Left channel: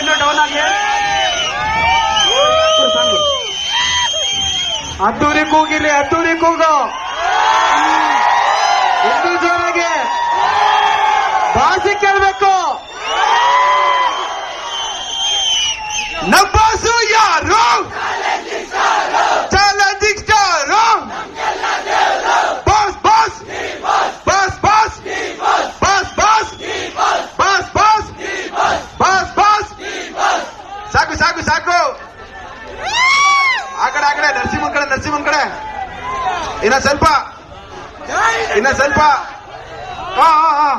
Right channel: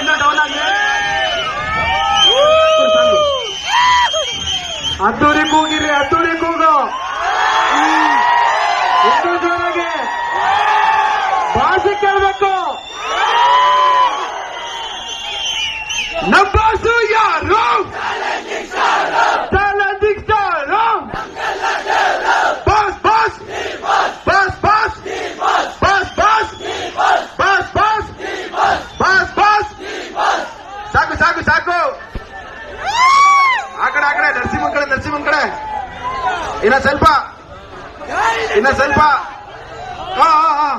ಇನ್ನು ಡೌನ್ ಆಗಿ ಅದ್ದೂರಿ ಕೂಗಿಲಿ, ಅದ್ದೂರಿ ಕೂಗು ಇನ್ನು ಜೋರಾಗಿ ಭಾಷೆ ಕೇಳಬೇಕು. ನಬ್ಬಾಸು ಯಾರು? Challenging star. Boss boss boss boss boss boss boss boss boss boss. ಸಾಕು ಸಾಕು ಸಾಕು. ಆ ಕಡೆ ನರಸಿಂಹನ್ ಕಡೆ ಇನ್ನ ಸ್ವಲ್ಪ ಹಾ ಹಾ ಹಾ